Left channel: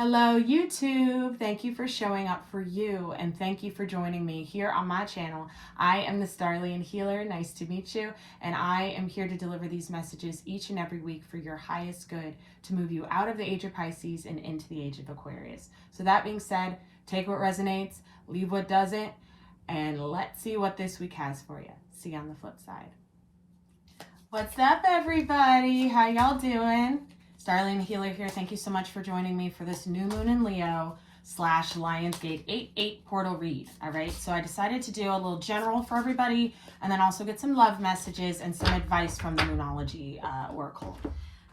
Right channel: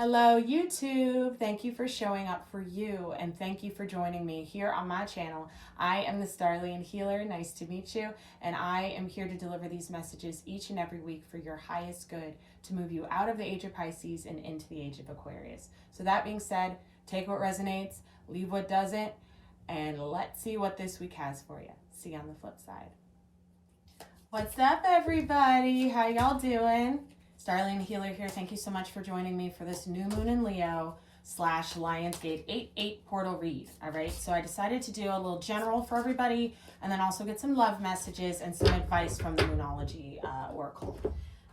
Hello YouTube, thank you for showing up for you and thank you for joining me here on my channel. I am the Starlian Healer, nice to meet you, and I am here to deliver these messages each and every week for your highest good to move you out of the age of Pisces and into the age of Aquarius. So that being said, take what resonates, leave what doesn't, and let's see what this week has for you. See you on the flip side. What's up everybody? How y'all doing? Starlian Healer here. Thank you so much for joining me for this new moon in Leo / Lionsgate 8/8 portal read. All right, so I decided to do a little general for everybody and then also get some love messages and some advice from the Moonology Oracle.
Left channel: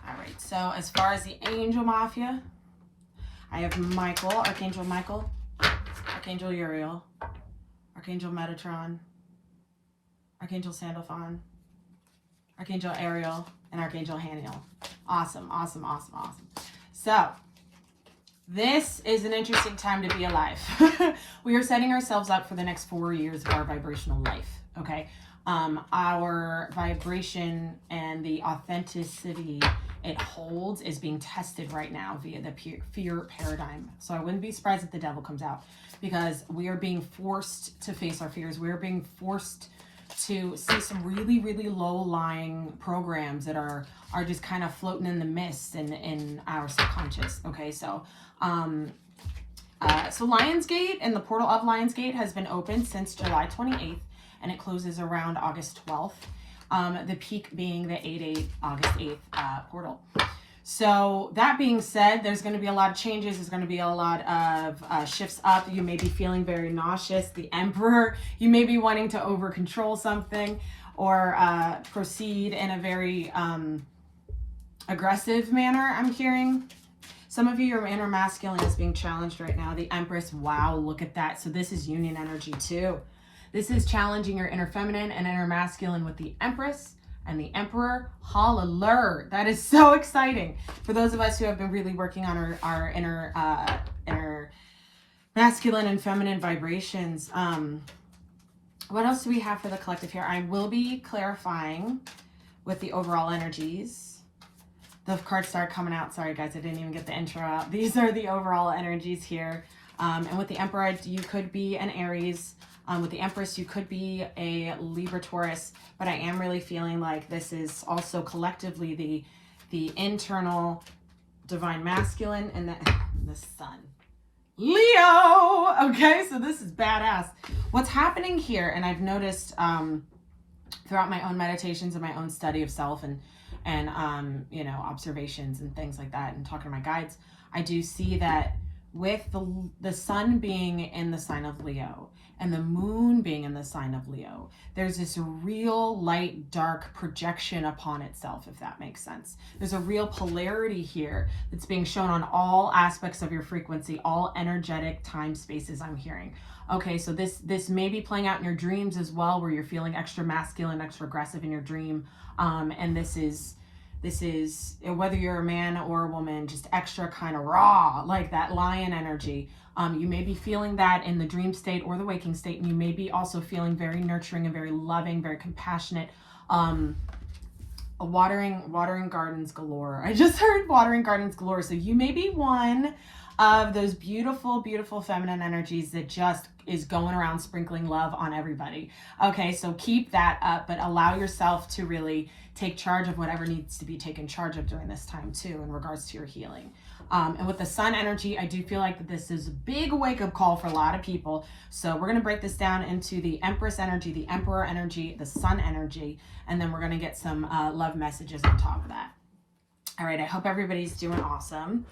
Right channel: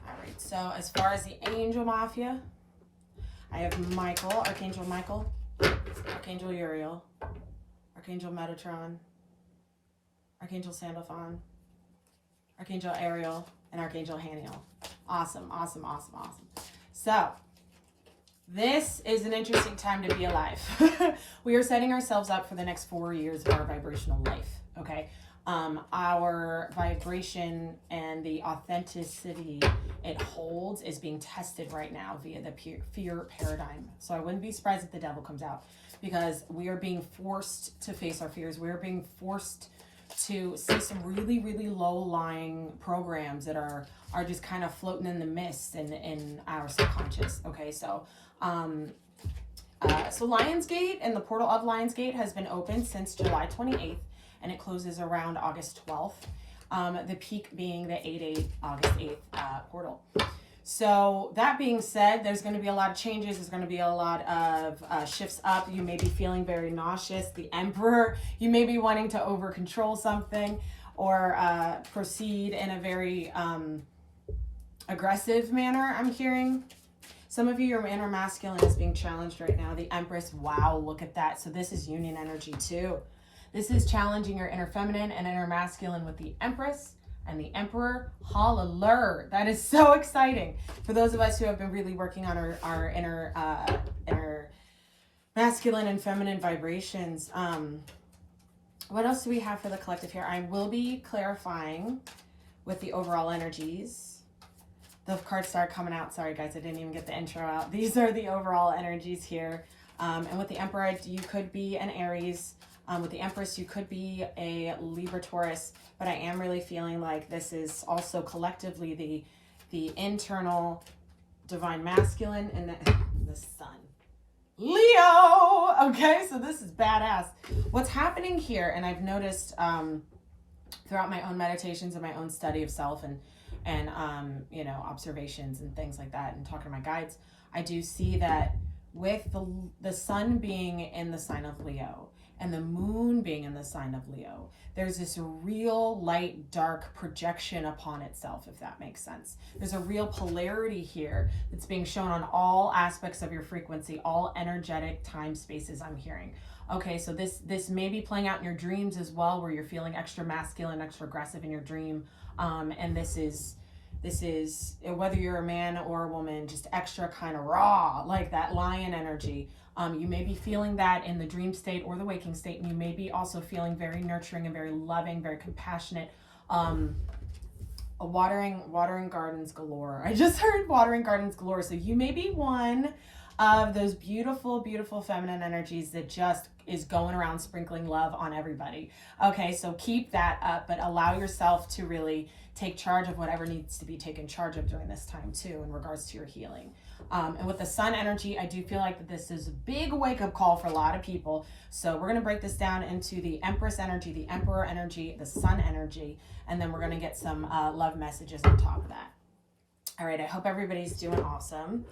All right, so as far as the Angel Mafia, I have Michael, Archangel Uriel, Archangel Metatron, Archangel Sandalphon, Archangel Ariel, and Archangel Haniel. Awesome, awesome, awesome, awesome. So, this is an interesting time to be alive. We are setting ourselves up for the next 4 years of our vibrational life, okay? Our vibration and the authenticity it holds is being tested right now via the fear paradigm. So I wouldn't be surprised if the devil comes out, because we are being forced to face our fears. We are being forced to see some really, really low-lying programs that are just kind of floating in the mist and in our subconscious. Okay, so so Lionsgate and the portal of Lionsgate has been open since July 28th, and it closes around August 12th. The peak being the 8/8 August 8th portal. So that being said, there's going to be a lot of changes. There's going to be a lot of shifts up. You may be feeling very nauseous. The Emperor, you may be wanting to over control something or proceed in a very aggressive manner, I'm hearing. Some of you, your inner masculine is being challenged right now. The Empress, wow, look at that. So this is union energy too. This is challenging your inner feminine and inner masculine with the Empress and the Emperor. Hallelujah. That is so exciting. For those of us who have been really working on our inner masculine and feminine vibrations. What else do we have for the collective here? I will be clarifying with the overall energies. The cards start coming out. Sorry guys, I didn't even get the intro out. These are the overall energies here. And with the Emperor, you could be an Aries. With the Empress, you could be a Libra, Taurus, but I am really feeling like this is also collectively the internal divine masculine and the sun. Leo! Okay, so this is badass. What's happening here, and I've noticed throughout my own meditations and my own study of self and you know, observations and things like that and talking to my guides, I do see that with the sun being in the sign of Leo and the moon being in the sign of Leo, there's this real light dark projection upon itself, if that makes sense. There's a real polarity here that's being shown on all aspects of your frequency, all energetic time spaces, I'm hearing. Okay, so this may be playing out in your dreams as well, where you're feeling extra masculine, extra aggressive in your dream, and this is whether you're a man or a woman, just extra kind of raw, like that lion energy. You may be feeling that in the dream state or the waking state, and you may be also feeling very nurturing and very loving, very compassionate. Watering gardens galore. I just heard watering gardens galore. So you may be one of those beautiful, beautiful feminine energies that just is going around sprinkling love on everybody. Okay, so keep that up, but allow yourself to really take charge of whatever needs to be taken charge of during this time too, in regards to your healing. And with the sun energy, I do feel like that this is a big wake-up call for a lot of people. So we're going to break this down into the Empress energy, the Emperor energy, the sun energy, and then we're going to get some love messages on top of that. All right, I hope everybody's doing awesome.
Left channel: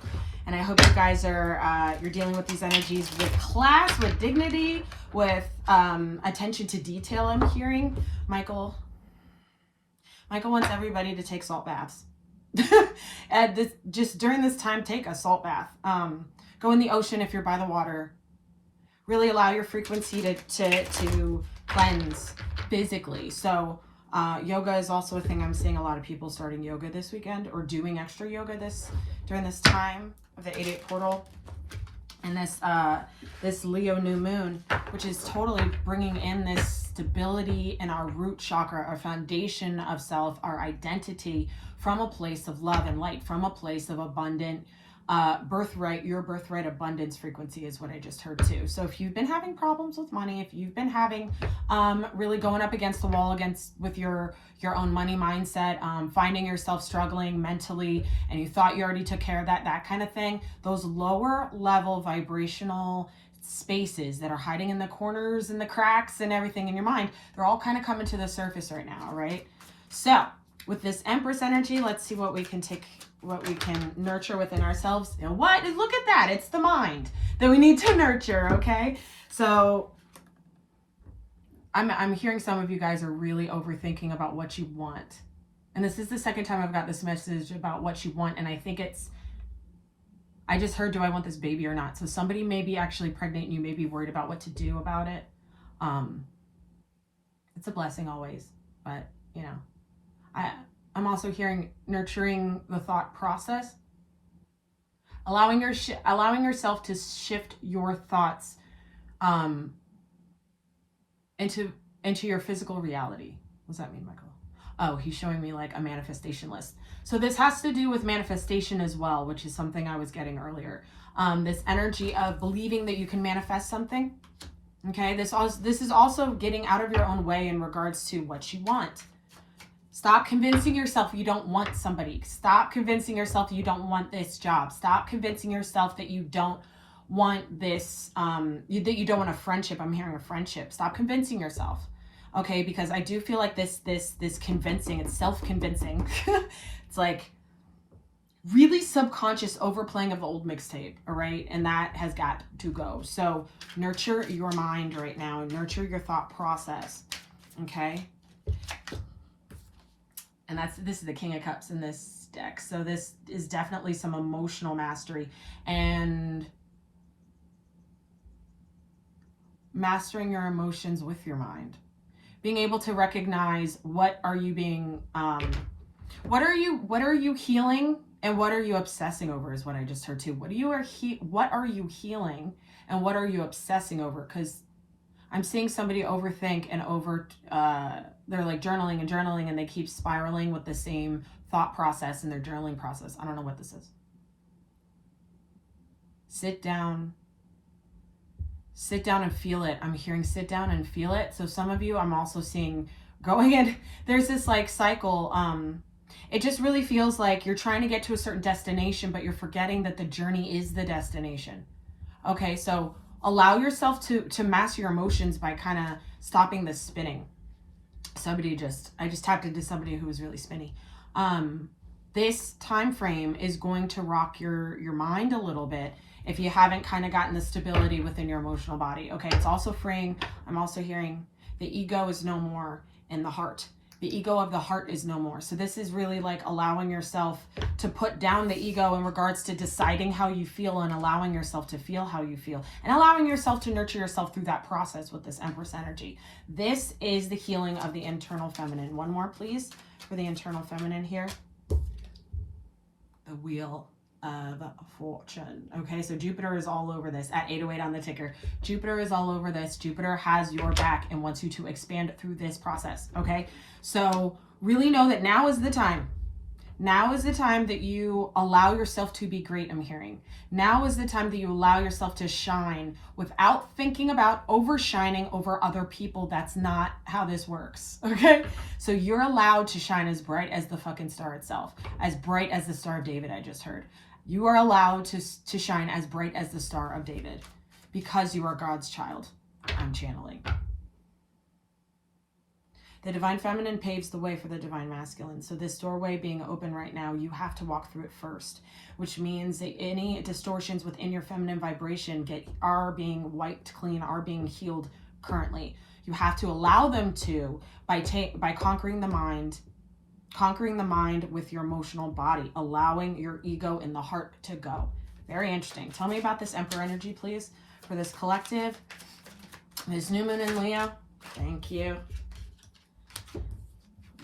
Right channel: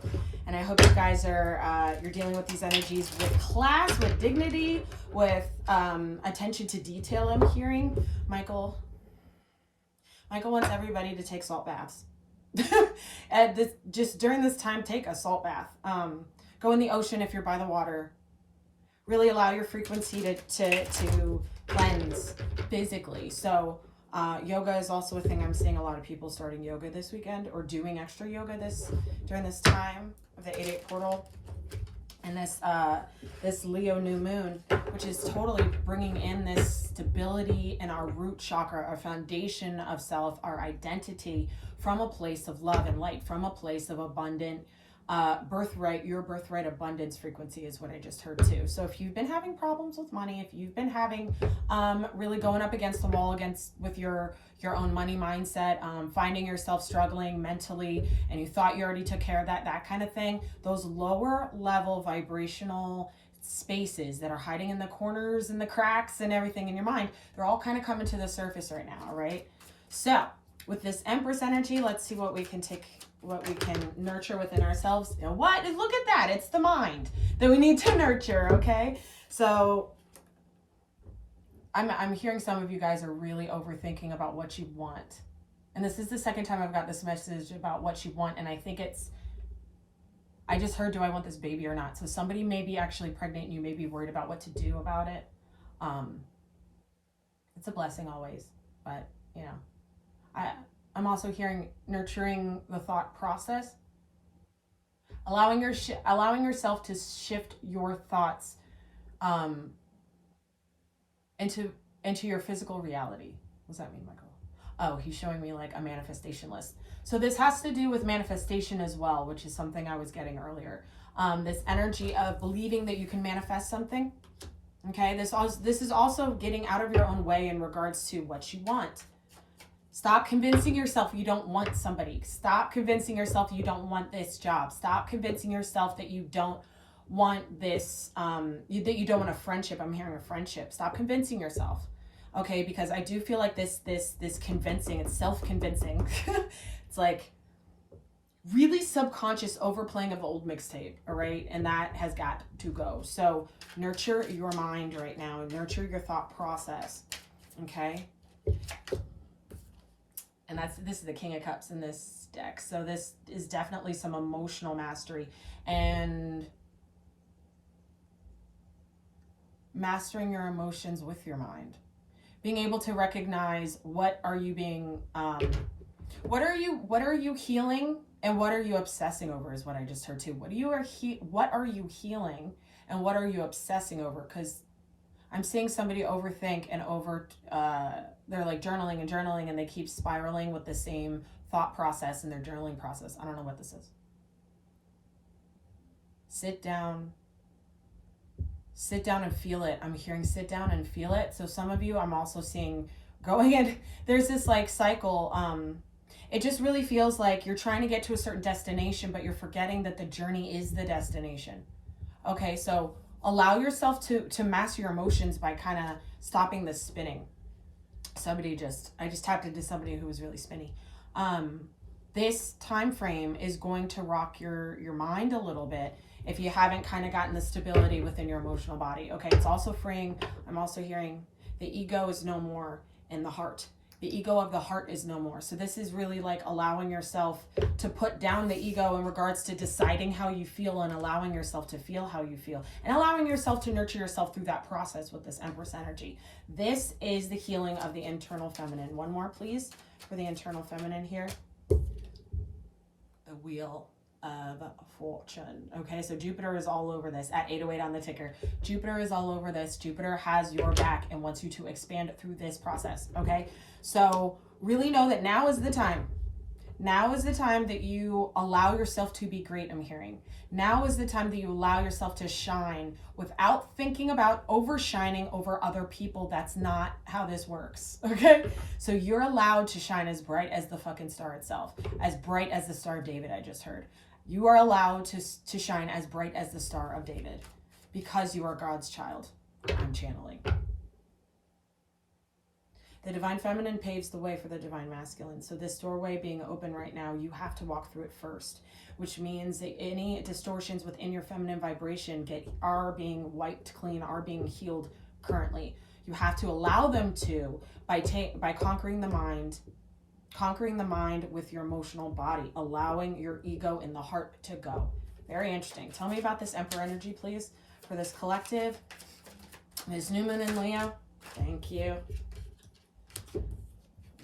And I hope you guys are, you're dealing with these energies with class, with dignity, with attention to detail, I'm hearing. Michael wants everybody to take salt baths. And just during this time, take a salt bath. Go in the ocean if you're by the water. Really allow your frequency to cleanse physically. So yoga is also a thing. I'm seeing a lot of people starting yoga this weekend or doing extra yoga during this time of the 8/8 portal. And this Leo new moon, which is totally bringing in this stability in our root chakra, our foundation of self, our identity, from a place of love and light, from a place of abundant birthright, your birthright abundance frequency is what I just heard too. So if you've been having problems with money, if you've been having really going up against the wall with your own money mindset, finding yourself struggling mentally, and you thought you already took care of that kind of thing, those lower level vibrational spaces that are hiding in the corners and the cracks and everything in your mind, they're all kind of coming to the surface right now, right? So with this Empress energy, let's see what we can nurture within ourselves. You know what? Look at that. It's the mind that we need to nurture, okay? So I'm hearing some of you guys are really overthinking about what you want. And this is the second time I've got this message about what you want, and I think I just heard, do I want this baby or not? So somebody may be actually pregnant and you may be worried about what to do about it. It's a blessing always, but you know, I'm also hearing nurturing the thought process, allowing yourself to shift your thoughts into your physical reality. What does that mean, Michael? Oh, he's showing me like a manifestation list. So this has to do with manifestation as well, which is something I was getting earlier. This energy of believing that you can manifest something. Okay, this is also getting out of your own way in regards to what you want. Stop convincing yourself you don't want somebody. Stop convincing yourself you don't want this job. Stop convincing yourself that you don't want this, that you don't want a friendship. I'm hearing a friendship. Stop convincing yourself. Okay, because I do feel like this convincing, it's self-convincing. It's like really subconscious overplaying of the old mixtape, all right? And that has got to go. So nurture your mind right now. Nurture your thought process, okay? And this is the King of Cups in this deck. So this is definitely some emotional mastery and mastering your emotions with your mind. Being able to recognize what are you healing and what are you obsessing over is what I just heard too. What are you healing and what are you obsessing over? Because I'm seeing somebody overthink and they're like journaling and they keep spiraling with the same thought process in their journaling process. I don't know what this is. Sit down and feel it. I'm hearing sit down and feel it. So some of you, I'm also seeing going in, there's this like cycle. It just really feels like you're trying to get to a certain destination, but you're forgetting that the journey is the destination. Okay, so allow yourself to master your emotions by kind of stopping the spinning. I just tapped into somebody who was really spinny. This time frame is going to rock your mind a little bit if you haven't kind of gotten the stability within your emotional body. Okay, it's also freeing. I'm also hearing the ego is no more in the heart. The ego of the heart is no more. So this is really like allowing yourself to put down the ego in regards to deciding how you feel and allowing yourself to feel how you feel and allowing yourself to nurture yourself through that process with this Empress energy. This is the healing of the internal feminine. One more, please, for the internal feminine here. The Wheel of Fortune. Okay, so Jupiter is all over this at 808 on the ticker. Jupiter is all over this. Jupiter has your back and wants you to expand through this process. Okay, so really know that now is the time. Now is the time that you allow yourself to be great, I'm hearing. Now is the time that you allow yourself to shine without thinking about overshining over other people. That's not how this works, okay? So you're allowed to shine as bright as the fucking star itself, as bright as the Star of David I just heard. You are allowed to shine as bright as the Star of David because you are God's child. I'm channeling. The divine feminine paves the way for the divine masculine. So this doorway being open right now, you have to walk through it first, which means that any distortions within your feminine vibration are being wiped clean, are being healed currently. You have to allow them to by conquering the mind with your emotional body, allowing your ego in the heart to go. Very interesting. Tell me about this Emperor energy, please, for this collective. This new moon in Leo. Thank you.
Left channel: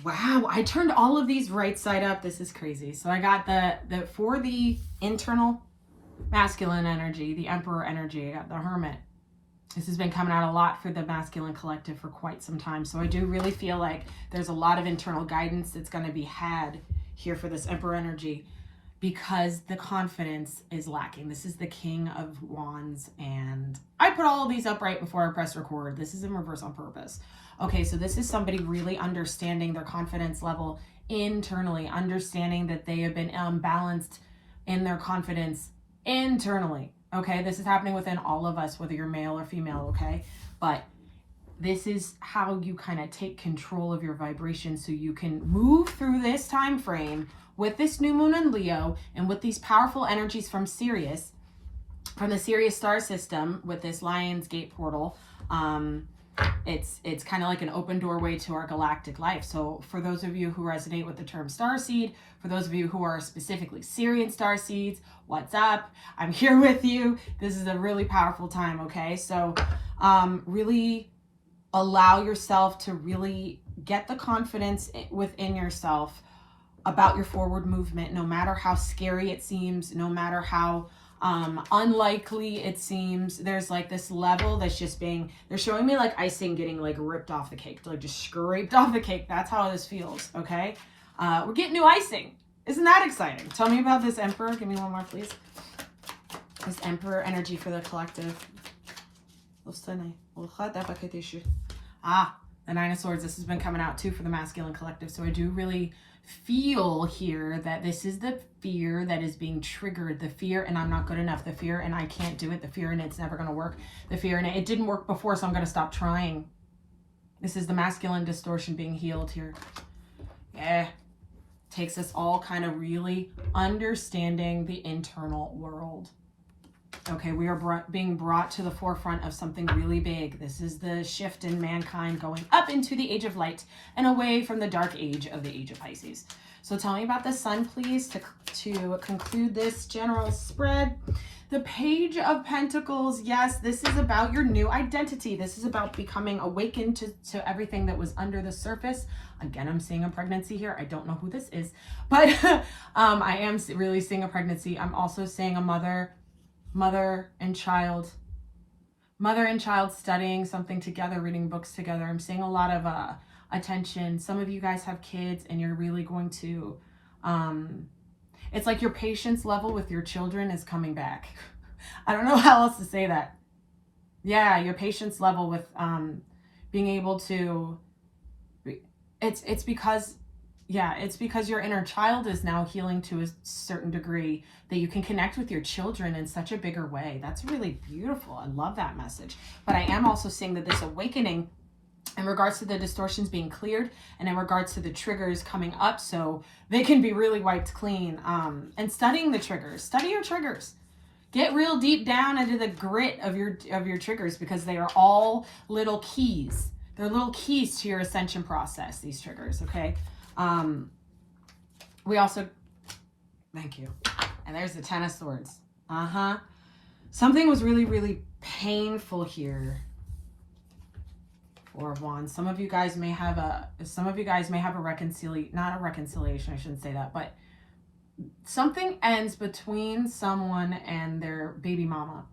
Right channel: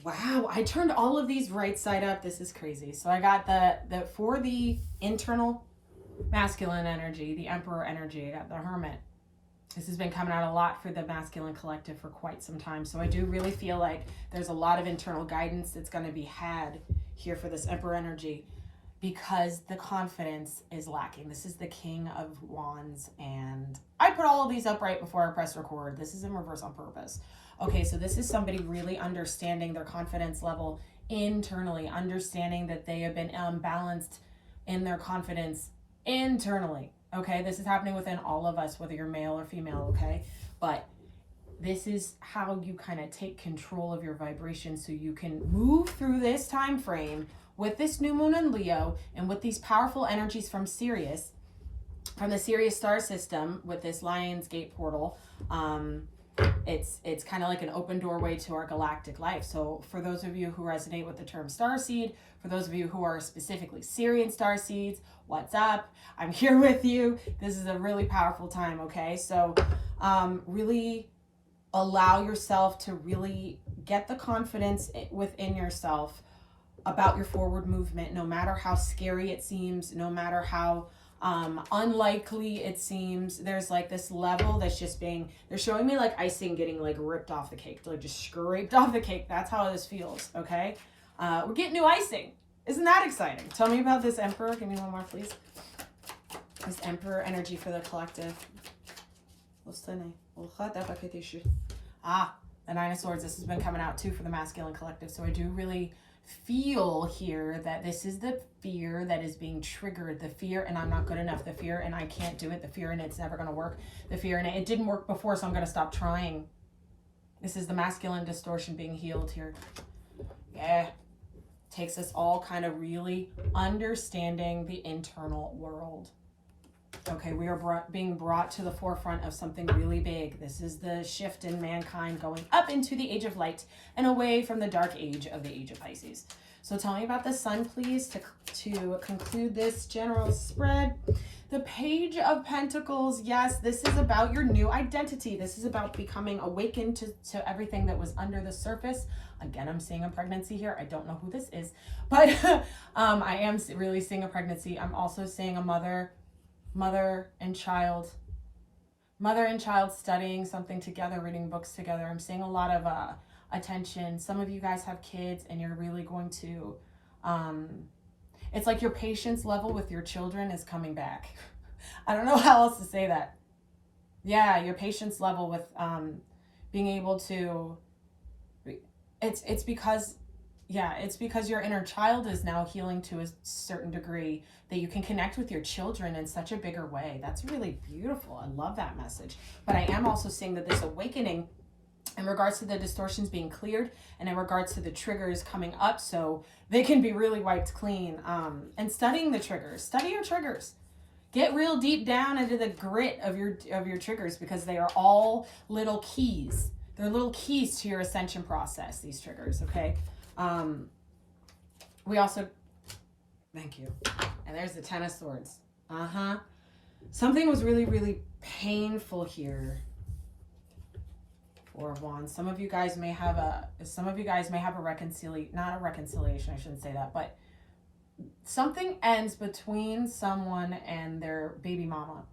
Wow, I turned all of these right side up. This is crazy. So I got for the internal masculine energy, the Emperor energy, I got the Hermit. This has been coming out a lot for the masculine collective for quite some time. So I do really feel like there's a lot of internal guidance that's going to be had here for this Emperor energy. because the confidence is lacking. This is the King of Wands, and I put all of these up right before I press record. This is in reverse on purpose. Okay, so this is somebody really understanding their confidence level internally, understanding that they have been unbalanced in their confidence internally. Okay, this is happening within all of us, whether you're male or female, okay? But this is how you kind of take control of your vibration so you can move through this time frame with this new moon in Leo and with these powerful energies from Sirius, from the Sirius star system with this Lionsgate portal. It's kind of like an open doorway to our galactic life. So for those of you who resonate with the term starseed, for those of you who are specifically Sirian starseeds, what's up? I'm here with you. This is a really powerful time, okay? So really allow yourself to really get the confidence within yourself about your forward movement, no matter how scary it seems, no matter how unlikely it seems. There's like this level that's just being, they're showing me like icing getting like ripped off the cake, like just scraped off the cake. That's how this feels, okay? We're getting new icing. Isn't that exciting? Tell me about this Emperor. Give me one more, please. This Emperor energy for the collective. The Nine of Swords. This has been coming out too for the masculine collective. So I do really feel here that this is the fear that is being triggered. The fear and I'm not good enough. The fear and I can't do it. The fear and it's never going to work. The fear and it didn't work before, so I'm going to stop trying. This is the masculine distortion being healed here. Yeah. Takes us all kind of really understanding the internal world. Okay, we are being brought to the forefront of something really big. This is the shift in mankind going up into the age of light and away from the dark age of the age of Pisces. So tell me about the sun, please, to conclude this general spread. The Page of Pentacles. Yes, this is about your new identity. This is about becoming awakened to everything that was under the surface. Again, I'm seeing a pregnancy here. I don't know who this is, but I am really seeing a pregnancy. I'm also seeing a mother and child studying something together, reading books together. I'm seeing a lot of attention. Some of you guys have kids and you're really going to, it's like your patience level with your children is coming back. I don't know how else to say that. Yeah, your patience level with being able to, it's because your inner child is now healing to a certain degree that you can connect with your children in such a bigger way. That's really beautiful. I love that message. But I am also seeing that this awakening in regards to the distortions being cleared and in regards to the triggers coming up so they can be really wiped clean. And studying the triggers. Study your triggers. Get real deep down into the grit of your triggers because they are all little keys. They're little keys to your ascension process, these triggers, okay? We also, thank you. And there's the Ten of Swords. Something was really, really painful here. Four of Wands. Some of you guys may have a reconciliation, not a reconciliation, I shouldn't say that, but something ends between someone and their baby mama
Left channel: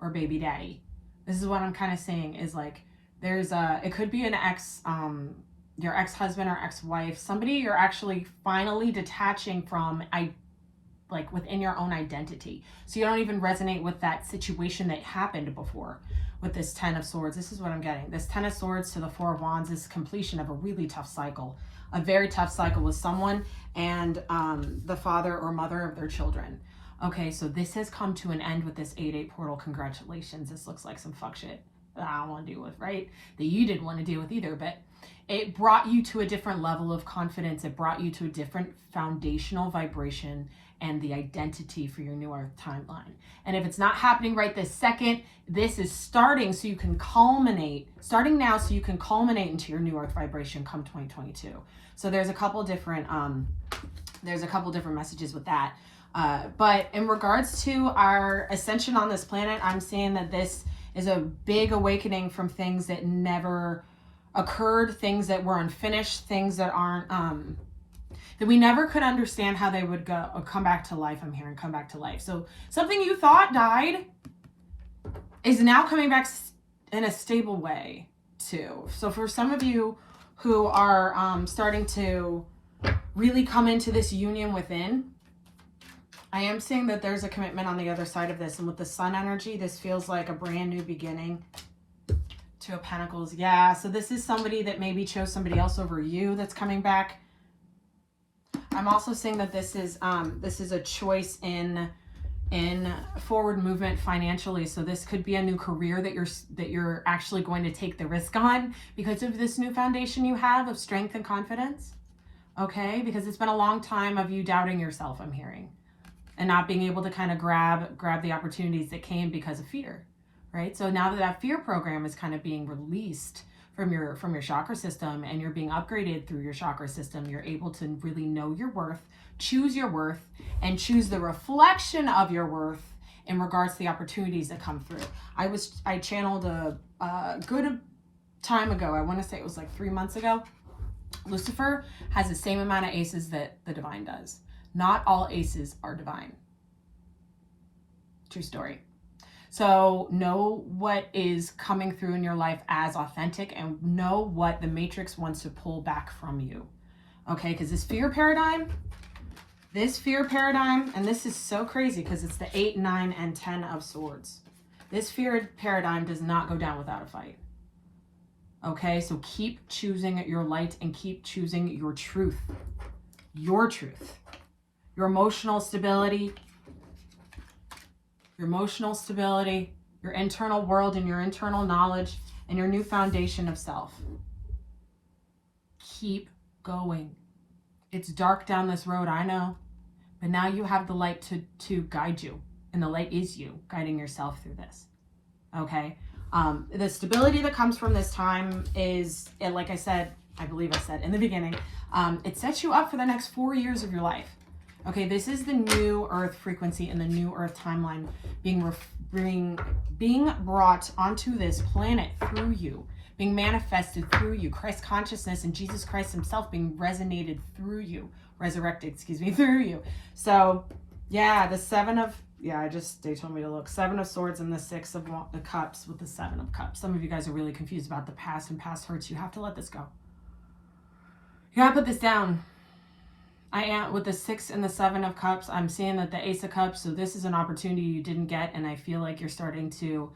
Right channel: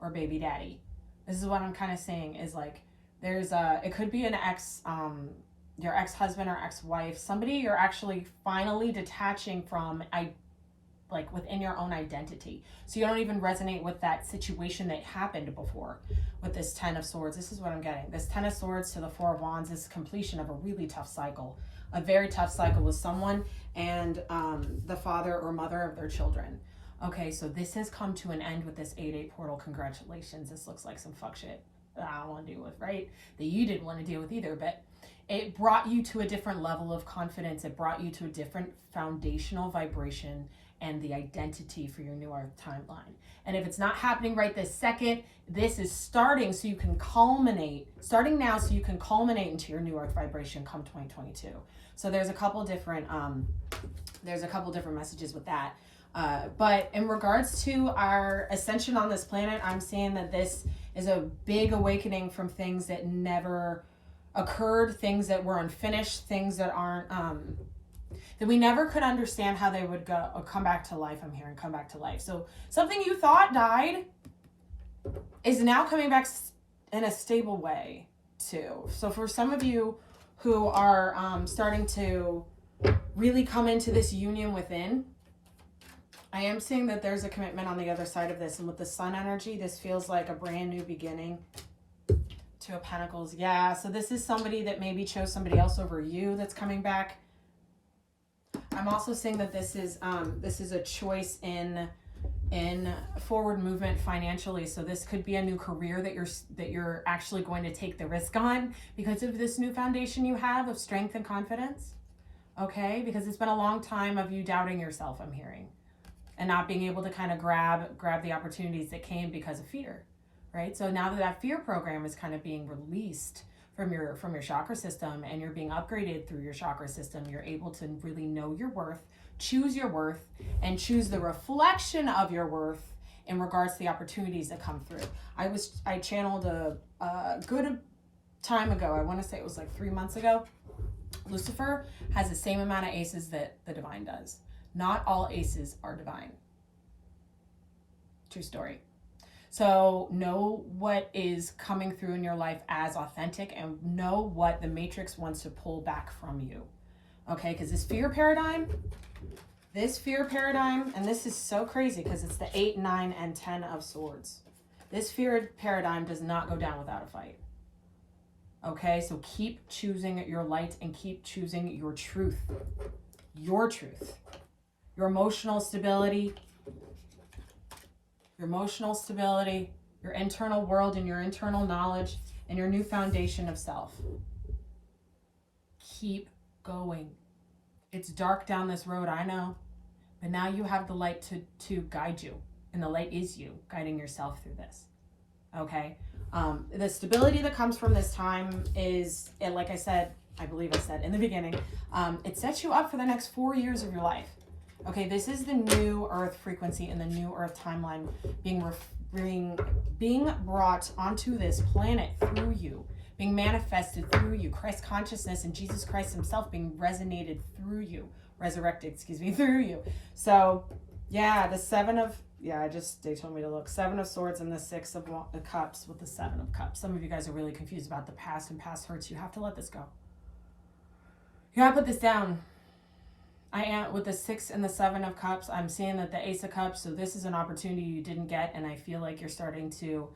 or baby daddy. This is what I'm kind of saying is like, it could be an your ex-husband or ex-wife, somebody you're actually finally detaching from, like within your own identity. So you don't even resonate with that situation that happened before with this Ten of Swords. This is what I'm getting. This Ten of Swords to the Four of Wands is completion of a really tough cycle, a very tough cycle with someone and the father or mother of their children. Okay, so this has come to an end with this 8-8 portal. Congratulations. This looks like some fuck shit that I don't want to deal with, right? That you didn't want to deal with either, but it brought you to a different level of confidence. It brought you to a different foundational vibration and the identity for your new earth timeline. And if it's not happening right this second, this is starting so you can culminate, starting now so you can culminate into your new earth vibration come 2022. So there's a couple different messages with that. But in regards to our ascension on this planet, I'm seeing that this is a big awakening from things that never occurred, things that were unfinished, things that aren't, that we never could understand how they would go or come back to life. I'm hearing come back to life. So something you thought died is now coming back in a stable way too. So for some of you who are starting to really come into this union within. I am seeing that there's a commitment on the other side of this. And with the sun energy, this feels like a brand new beginning. Two of Pentacles. Yeah, so this is somebody that maybe chose somebody else over you that's coming back. I'm also seeing that this is a choice in forward movement financially. So this could be a new career that you're actually going to take the risk on because of this new foundation you have of strength and confidence. Okay, because it's been a long time of you doubting yourself, I'm hearing, and not being able to kind of grab the opportunities that came because of fear, right? So now that fear program is kind of being released from your chakra system and you're being upgraded through your chakra system, you're able to really know your worth, choose your worth, and choose the reflection of your worth in regards to the opportunities that come through. I channeled a good time ago, I want to say it was like 3 months ago. Lucifer has the same amount of aces that the divine does. Not all aces are divine. True story. So know what is coming through in your life as authentic and know what the matrix wants to pull back from you. Okay, because this fear paradigm, and this is so crazy because it's the 8, 9, and 10 of swords. This fear paradigm does not go down without a fight. Okay, so keep choosing your light and keep choosing your truth. Your truth. Your emotional stability. Your emotional stability. Your internal world and your internal knowledge and your new foundation of self. Keep going. It's dark down this road, I know. But now you have the light to guide you. And the light is you guiding yourself through this. Okay? The stability that comes from this time is, like I said, I believe I said in the beginning, it sets you up for the next 4 years of your life. Okay, this is the new earth frequency and the new earth timeline being brought onto this planet through you, being manifested through you. Christ consciousness and Jesus Christ himself being resonated through you, through you. So yeah, the they told me to look. 7 of Swords and the 6 of Cups with the 7 of Cups. Some of you guys are really confused about the past and past hurts. You have to let this go. You gotta put this down. I am with the 6 and the 7 of Cups. I'm seeing that the Ace of Cups. So this is an opportunity you didn't get, and I feel like you're starting to,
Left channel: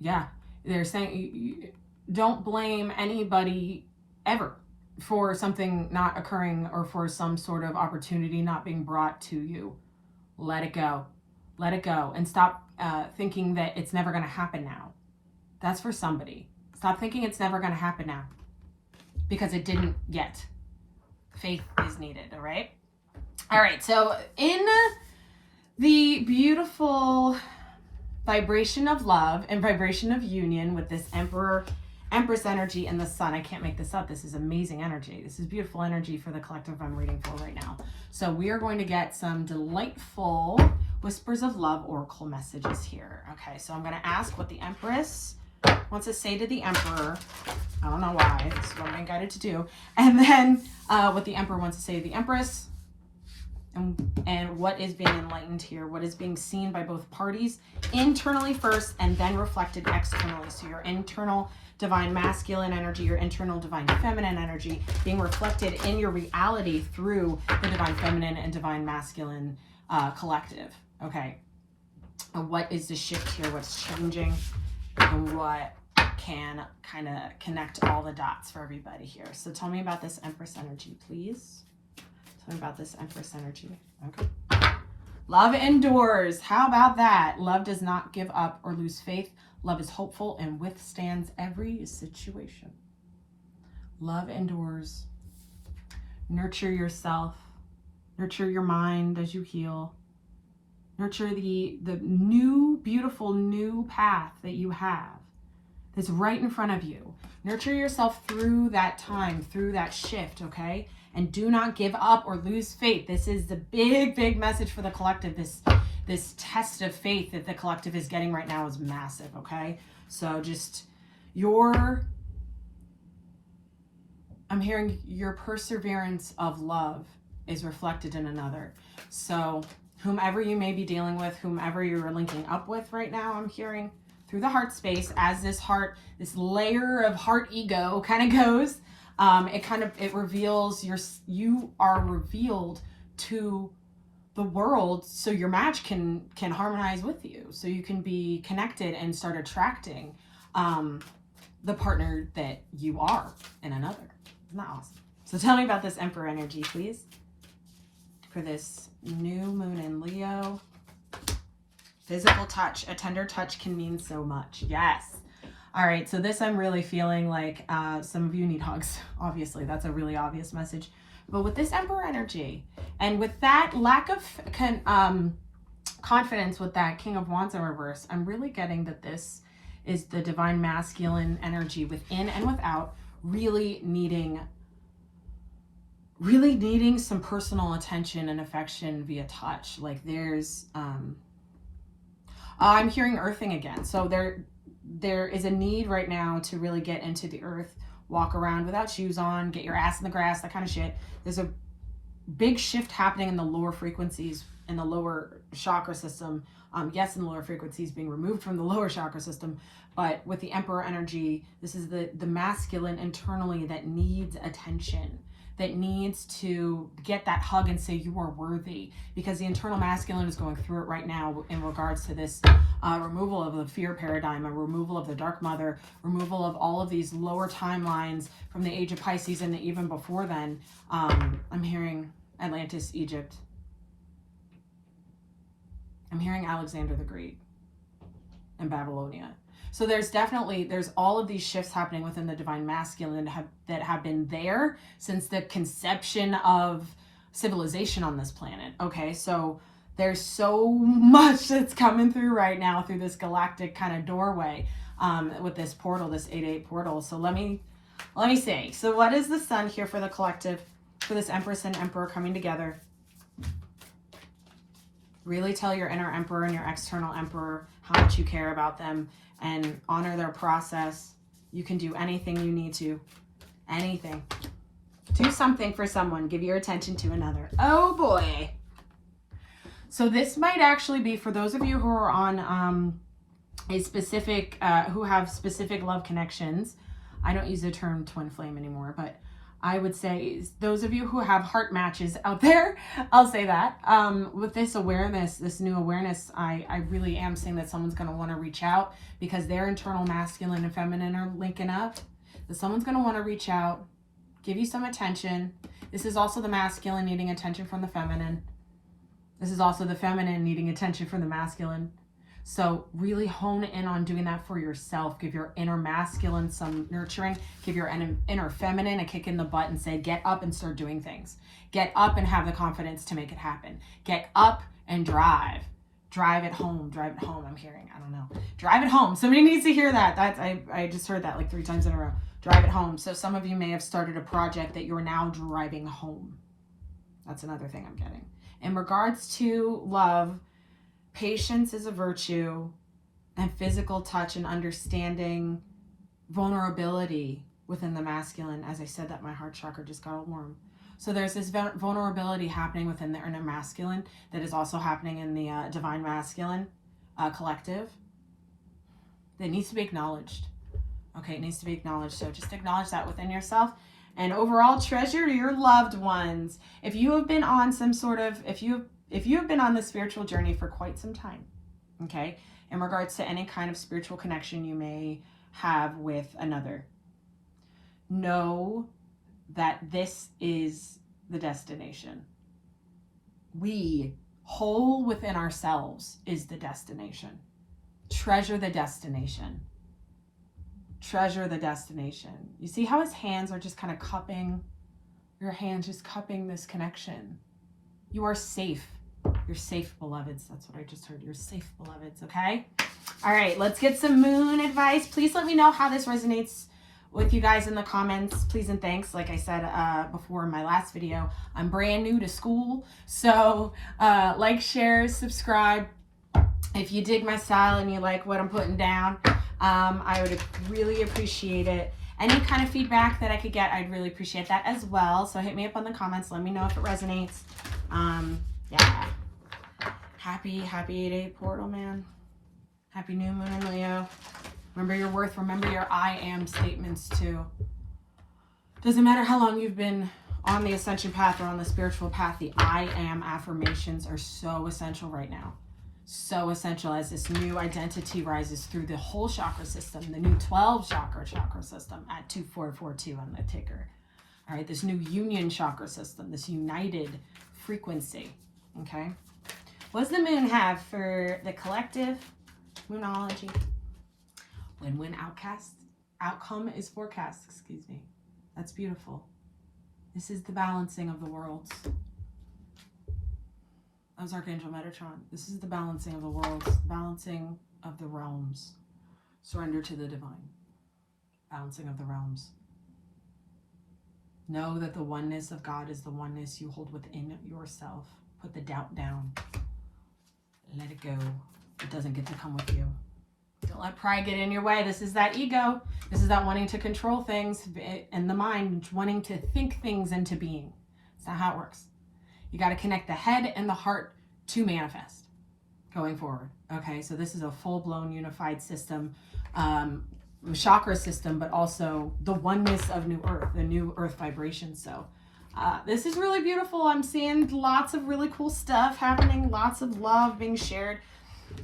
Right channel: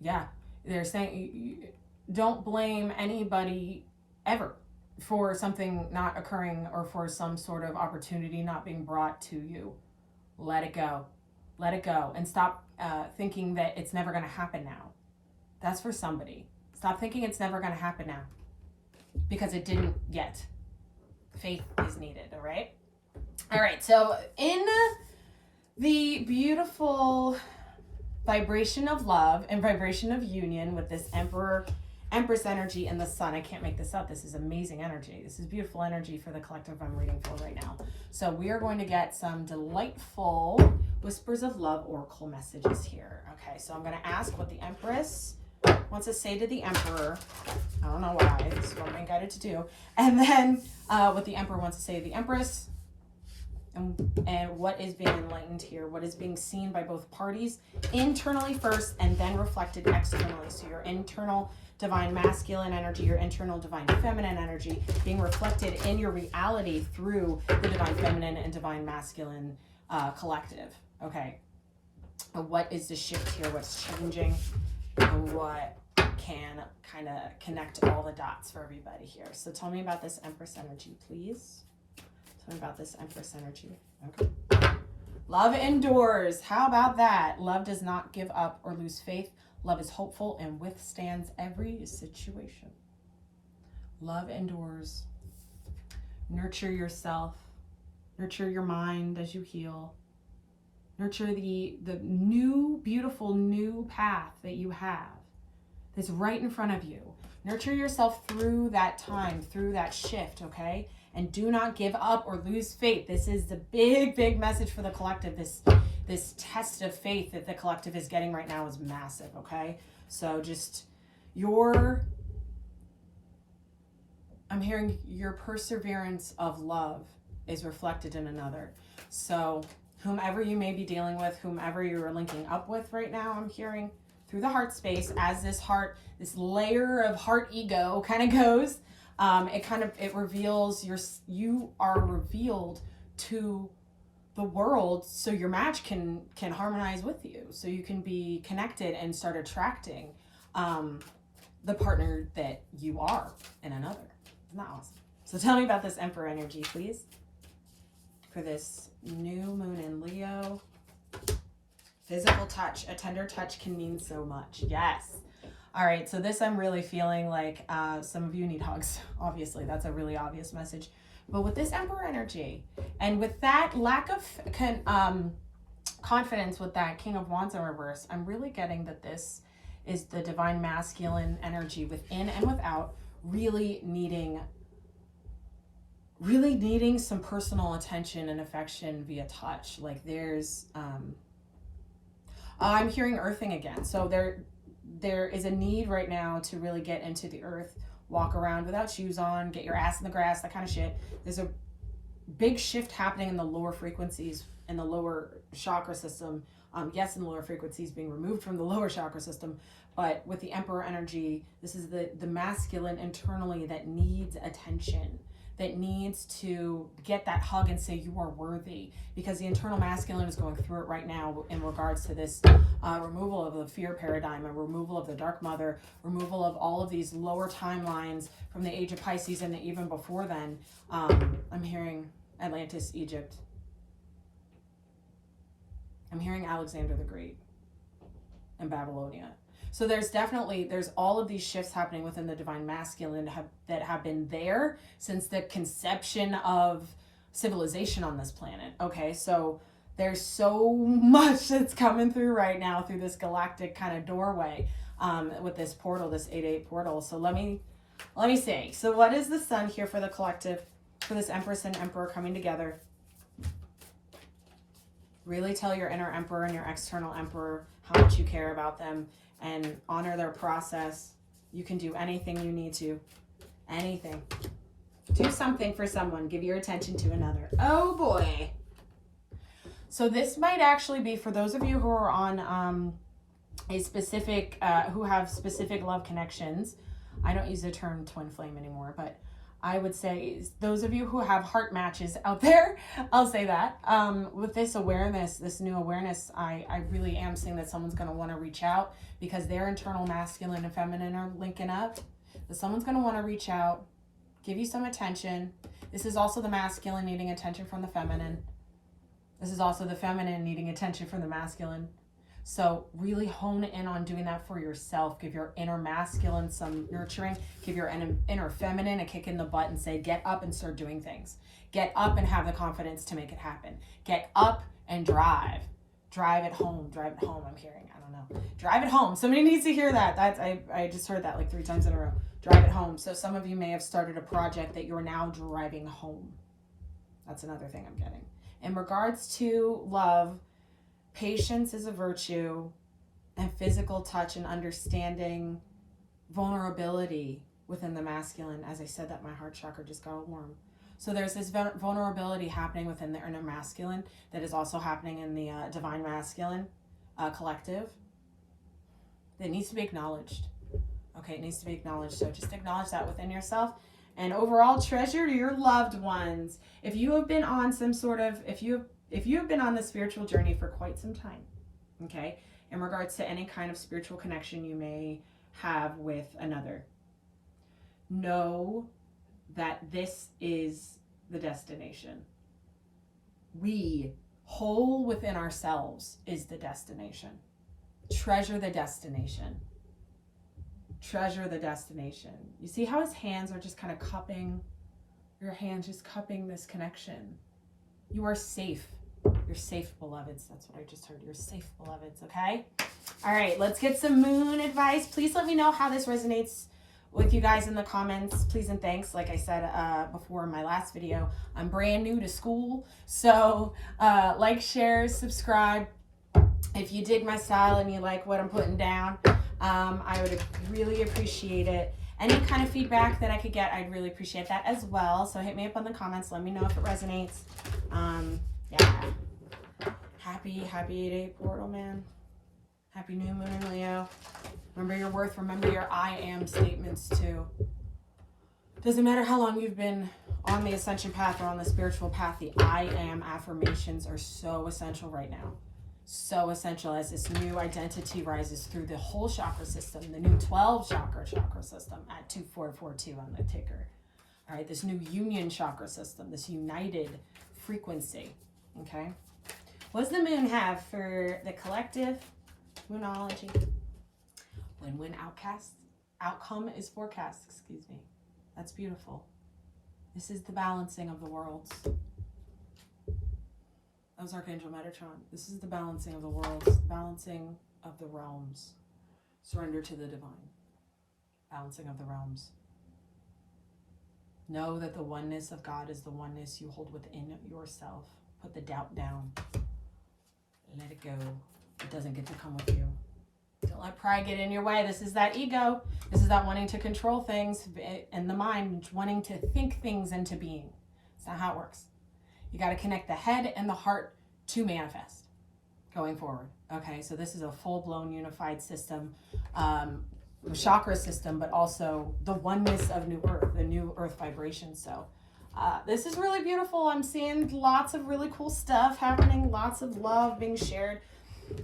they're saying you don't blame anybody ever for something not occurring or for some sort of opportunity not being brought to you. Let it go. Let it go. And stop thinking that it's never going to happen now. That's for somebody. Stop thinking it's never going to happen now. Because it didn't yet. Faith is needed, all right? All right, so in the beautiful vibration of love and vibration of union with this Empress energy and the Sun. I can't make this up. This is amazing energy. This is beautiful energy for the collective I'm reading for right now. So we are going to get some delightful whispers of love oracle messages here. Okay, so I'm going to ask what the Empress wants to say to the Emperor. I don't know why. This is what I'm being guided to do. And then what the Emperor wants to say to the Empress. And what is being enlightened here, what is being seen by both parties internally first and then reflected externally. So your internal divine masculine energy, your internal divine feminine energy being reflected in your reality through the divine feminine and divine masculine collective. Okay. What is the shift here? What's changing? And what can kind of connect all the dots for everybody here? So tell me about this Empress energy, please. Tell me about this Empress energy. Okay. Love endures. How about that? Love does not give up or lose faith. Love is hopeful and withstands every situation. Love endures. Nurture yourself. Nurture your mind as you heal. Nurture the new, beautiful new path that you have that's right in front of you. Nurture yourself through that time, through that shift, okay? And do not give up or lose faith. This is the big, big message for the collective. This test of faith that the collective is getting right now is massive, okay? So just I'm hearing your perseverance of love is reflected in another. So whomever you may be dealing with, whomever you're linking up with right now, I'm hearing through the heart space as this layer of heart ego kind of goes, It reveals you are revealed to the world, so your match can harmonize with you, so you can be connected and start attracting the partner that you are in another. Isn't that awesome? So tell me about this Emperor energy, please, for this new moon in Leo. Physical touch. A tender touch can mean so much. Yes. All right, so this I'm really feeling like some of you need hugs. Obviously, that's a really obvious message. But with this Emperor energy, and with that lack of confidence with that King of Wands in reverse, I'm really getting that this is the divine masculine energy within and without, really needing some personal attention and affection via touch. Like there's, I'm hearing earthing again. So there is a need right now to really get into the earth, walk around without shoes on, get your ass in the grass, that kind of shit. There's a big shift happening in the lower frequencies, in the lower chakra system. Yes, in the lower frequencies being removed from the lower chakra system, but with the Emperor energy, this is the masculine internally that needs attention, that needs to get that hug and say you are worthy, because the internal masculine is going through it right now in regards to this removal of the fear paradigm, a removal of the dark mother, removal of all of these lower timelines from the age of Pisces and even before then. I'm hearing Atlantis, Egypt. I'm hearing Alexander the Great and Babylonia. So there's all of these shifts happening within the divine masculine that have been there since the conception of civilization on this planet. Okay, so there's so much that's coming through right now through this galactic kind of doorway with this portal, this 8-8 portal. So let me see. So what is the sun here for the collective, for this Empress and Emperor coming together? Really tell your inner Emperor and your external Emperor how much you care about them and honor their process. You can do anything you need to. Anything. Do something for someone. Give your attention to another. Oh boy. So this might actually be for those of you who are on a specific, who have specific love connections. I don't use the term twin flame anymore, but I would say those of you who have heart matches out there, I'll say that. With this awareness, this new awareness, I really am seeing that someone's going to want to reach out because their internal masculine and feminine are linking up. That someone's going to want to reach out, give you some attention. This is also the masculine needing attention from the feminine. This is also the feminine needing attention from the masculine. So really hone in on doing that for yourself. Give your inner masculine some nurturing. Give your inner feminine a kick in the butt and say, get up and start doing things. Get up and have the confidence to make it happen. Get up and drive. Drive it home. Drive it home, I'm hearing. I don't know. Drive it home. Somebody needs to hear that. I just heard that like 3 times in a row. Drive it home. So some of you may have started a project that you're now driving home. That's another thing I'm getting. In regards to love, patience is a virtue, and physical touch and understanding vulnerability within the masculine. As I said that, my heart chakra just got all warm. So there's this vulnerability happening within the inner masculine that is also happening in the divine masculine collective that needs to be acknowledged. Okay, it needs to be acknowledged. So just acknowledge that within yourself. And overall, treasure your loved ones. If you have been on some sort of, if you have been on the spiritual journey for quite some time, okay, in regards to any kind of spiritual connection you may have with another, know that this is the destination. We, whole within ourselves, is the destination. Treasure the destination. Treasure the destination. You see how his hands are just kind of cupping, your hands just cupping this connection. You are safe. You're safe, beloveds. That's what I just heard. You're safe, beloveds, okay? All right, let's get some moon advice. Please let me know how this resonates with you guys in the comments. Please and thanks. Like I said before in my last video, I'm brand new to school. So like, share, subscribe. If you dig my style and you like what I'm putting down, I would really appreciate it. Any kind of feedback that I could get, I'd really appreciate that as well. So hit me up on the comments. Let me know if it resonates. Yeah. Happy 8-8 portal, man. Happy new moon in Leo. Remember your worth. Remember your I am statements too. Doesn't matter how long you've been on the ascension path or on the spiritual path, the I am affirmations are so essential right now. So essential as this new identity rises through the whole chakra system, the new 12 chakra system at 2442 on the ticker. All right, this new union chakra system, this united frequency. Okay. What does the moon have for the collective? Moonology. Win-win outcome is forecast, excuse me. That's beautiful. This is the balancing of the worlds. That was Archangel Metatron. This is the balancing of the worlds, balancing of the realms. Surrender to the divine. Balancing of the realms. Know that the oneness of God is the oneness you hold within yourself. Put the doubt down. Let it go. It doesn't get to come with you. Don't let pride get in your way. This is that ego. This is that wanting to control things in the mind, wanting to think things into being. That's not how it works. You got to connect the head and the heart to manifest going forward. Okay, so this is a full-blown unified system, chakra system, but also the oneness of new earth, the new earth vibration. So this is really beautiful. I'm seeing lots of really cool stuff happening, lots of love being shared,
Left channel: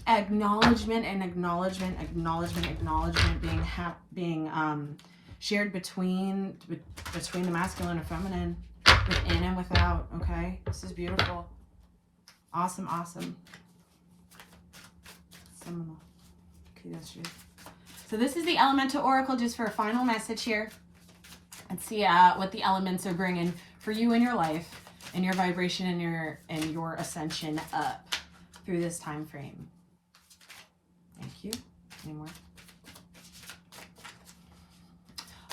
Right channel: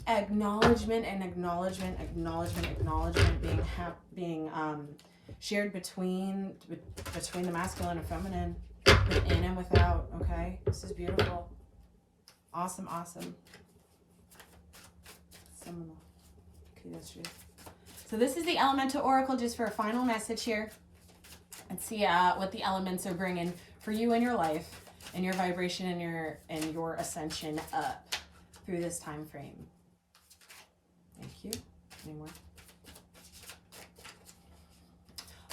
acknowledgement and acknowledgement being shared between the masculine and feminine, within and without. Okay, this is beautiful. Awesome. So this is the elemental oracle, just for a final message here. Let's see what the elements are bringing for you in your life, and your vibration and your ascension up through this time frame. Thank you. Any more?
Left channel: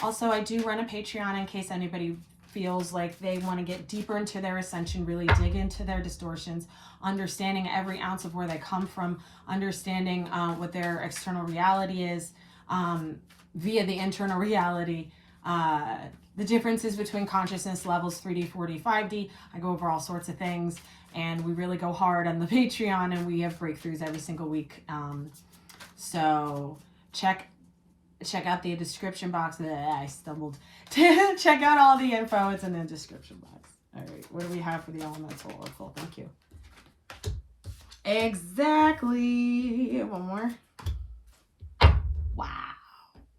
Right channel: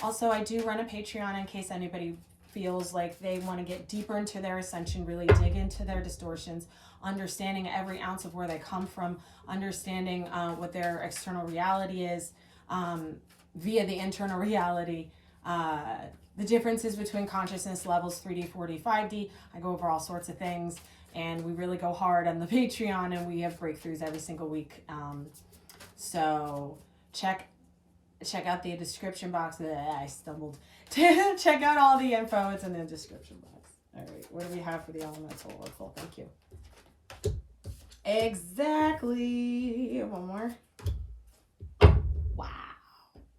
Also, I do run a Patreon in case anybody feels like they want to get deeper into their ascension, really dig into their distortions, understanding every ounce of where they come from, understanding what their external reality is via the internal reality, the differences between consciousness levels, 3D, 4D, 5D. I go over all sorts of things, and we really go hard on the Patreon, and we have breakthroughs every single week. So check out the description box. I stumbled. Check out all the info. It's in the description box. All right, what do we have for the elemental oracle? Thank you. Exactly. One more. Wow.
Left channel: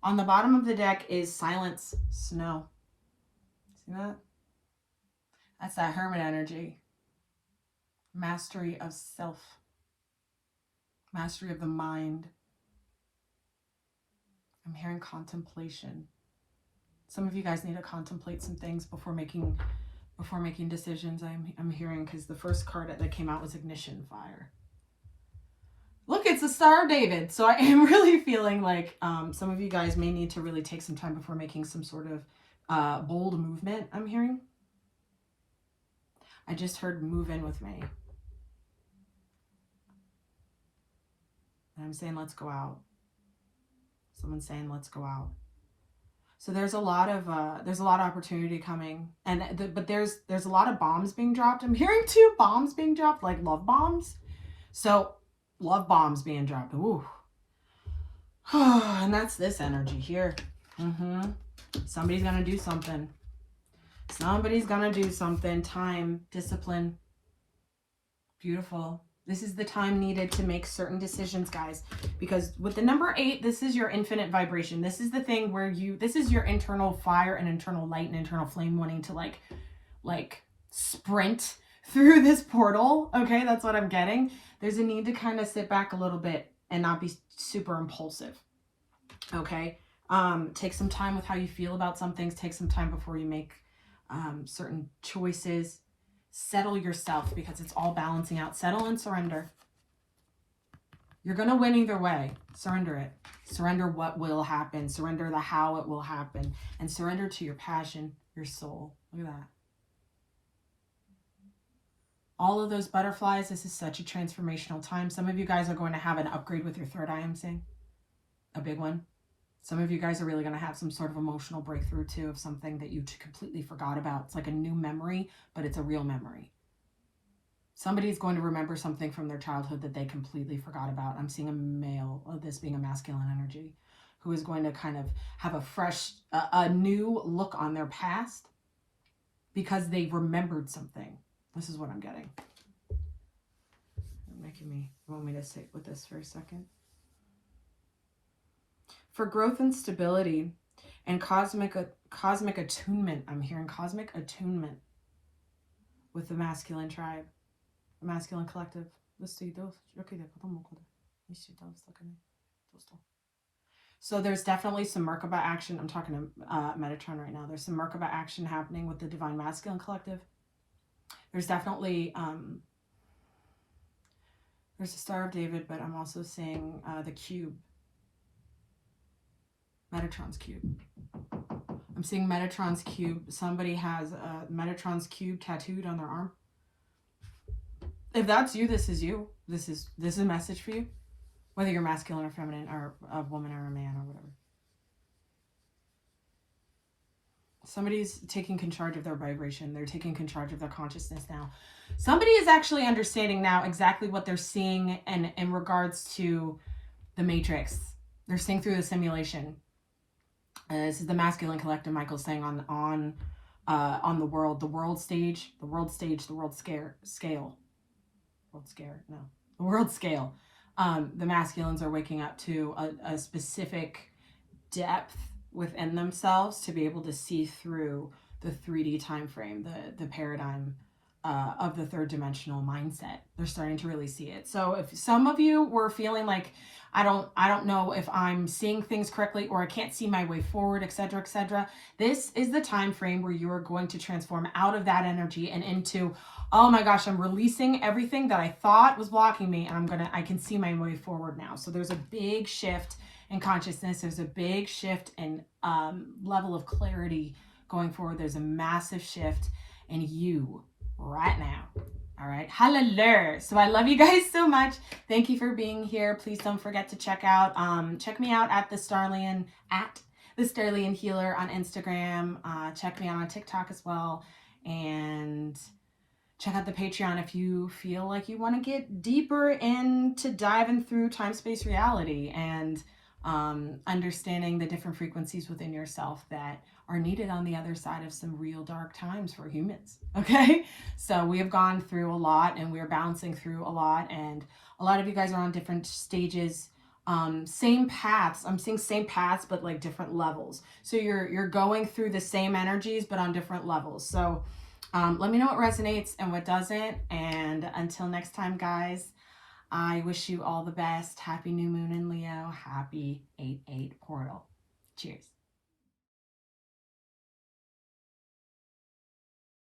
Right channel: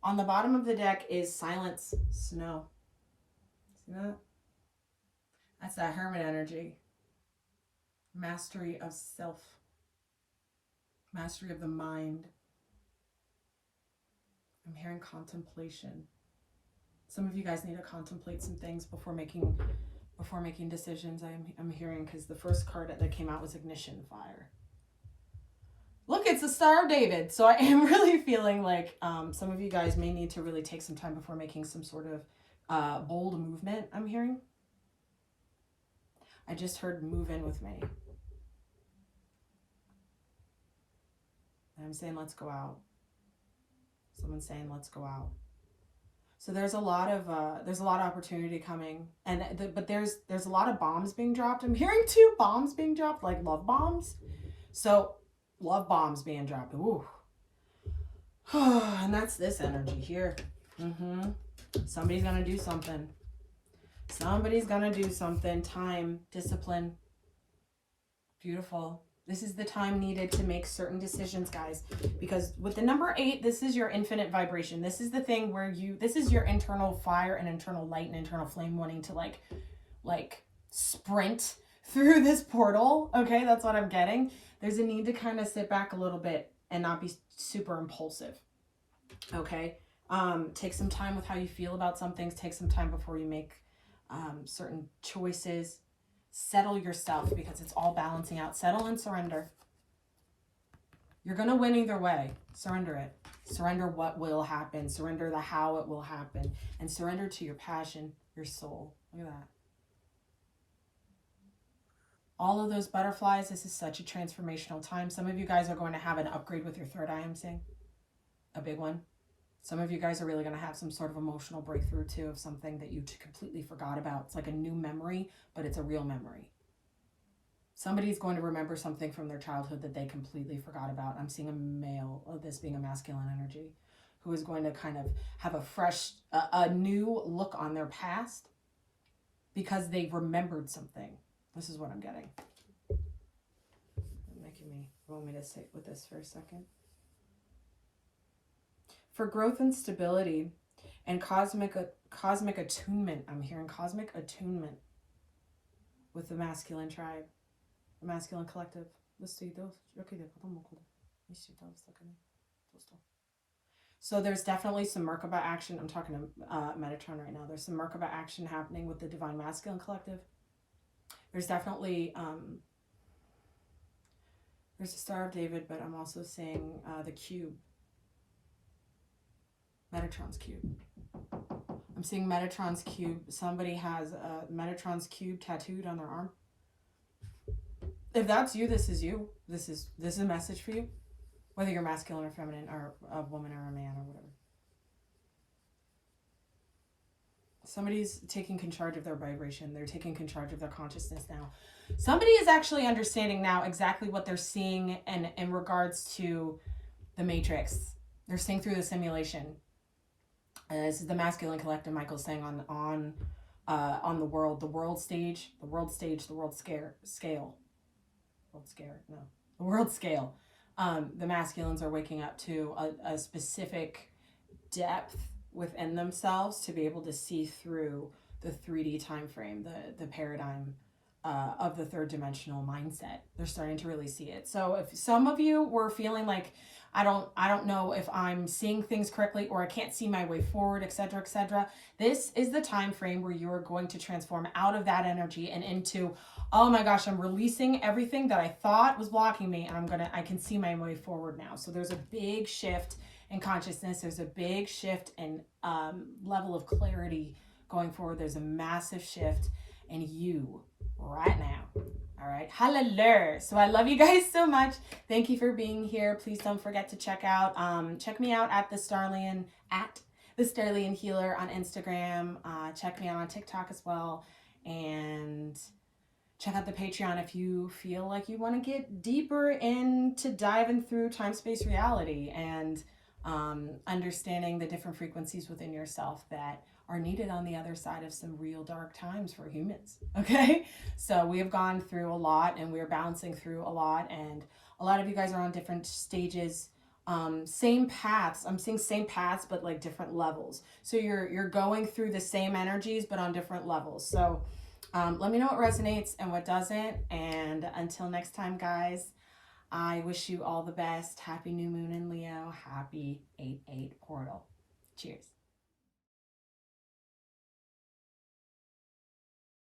On the bottom of the deck is silence, snow. See that? That's that hermit energy. Mastery of self. Mastery of the mind. I'm hearing contemplation. Some of you guys need to contemplate some things before making decisions. I'm hearing, because the first card that came out was ignition, fire. Look, it's the Star of David. So I am really feeling like some of you guys may need to really take some time before making some sort of bold movement. I'm hearing. I just heard move in with me. And I'm saying, let's go out. Someone's saying, let's go out. So there's a lot of opportunity coming, but there's a lot of bombs being dropped. I'm hearing 2 bombs being dropped, like love bombs. So love bombs being dropped. Ooh. And that's this energy here. Somebody's gonna do something. Somebody's gonna do something. Time, discipline. Beautiful. This is the time needed to make certain decisions, guys, because with the number 8, this is your infinite vibration. This is the thing where this is your internal fire and internal light and internal flame wanting to like sprint through this portal. Okay, that's what I'm getting. There's a need to kind of sit back a little bit and not be super impulsive. Okay, take some time with how you feel about some things. Take some time before you make certain choices. Settle yourself, because it's all balancing out. Settle and surrender. You're going to win either way. Surrender it. Surrender what will happen. Surrender the how it will happen. And surrender to your passion, your soul. Look at that. All of those butterflies, this is such a transformational time. Some of you guys are going to have an upgrade with your third eye, I'm seeing. A big one. Some of you guys are really going to have some sort of emotional breakthrough too, of something that you completely forgot about. It's like a new memory, but it's a real memory. Somebody's going to remember something from their childhood that they completely forgot about. I'm seeing a male, this being a masculine energy. who is going to kind of have a fresh, a new look on their past because they remembered something. This is what I'm getting. You want me to sit with this for a second? For growth and stability and cosmic attunement, I'm hearing cosmic attunement with the masculine tribe, the masculine collective. So there's definitely some Merkaba action. I'm talking to Metatron right now. There's some Merkaba action happening with the divine masculine collective. There's definitely there's a Star of David, but I'm also seeing the cube. Metatron's cube. I'm seeing Metatron's cube. Somebody has Metatron's cube tattooed on their arm. If that's you, this is you. This is a message for you. Whether you're masculine or feminine, or a woman or a man or whatever. Somebody's taking charge of their vibration. They're taking charge of their consciousness now. Somebody is actually understanding now exactly what they're seeing in regards to the matrix. They're seeing through the simulation. This is the masculine collective. Michael's saying on the world stage, the world scale. The masculines are waking up to a specific depth within themselves to be able to see through the 3D time frame, the paradigm of the third dimensional mindset. They're starting to really see it. So if some of you were feeling like, I don't know if I'm seeing things correctly, or I can't see my way forward, etc., etc., this is the time frame where you are going to transform out of that energy and into, oh my gosh, I'm releasing everything that I thought was blocking me, and I can see my way forward now. So there's a big shift in consciousness. There's a big shift in level of clarity going forward. There's a massive shift in you right now. All right. Hallelujah. So I love you guys so much. Thank you for being here. Please don't forget to check me out at the Starlian Healer on Instagram. Check me out on TikTok as well. And check out the Patreon if you feel like you want to get deeper into diving through time, space, reality, and understanding the different frequencies within yourself that are needed on the other side of some real dark times for humans. Okay, so we have gone through a lot, and we're bouncing through a lot, and a lot of you guys are on different stages, same paths. I'm seeing same paths, but like different levels. So you're going through the same energies, but on different levels. So let me know what resonates and what doesn't. And until next time, guys, I wish you all the best. Happy new moon in Leo. Happy 8/8 portal. Cheers.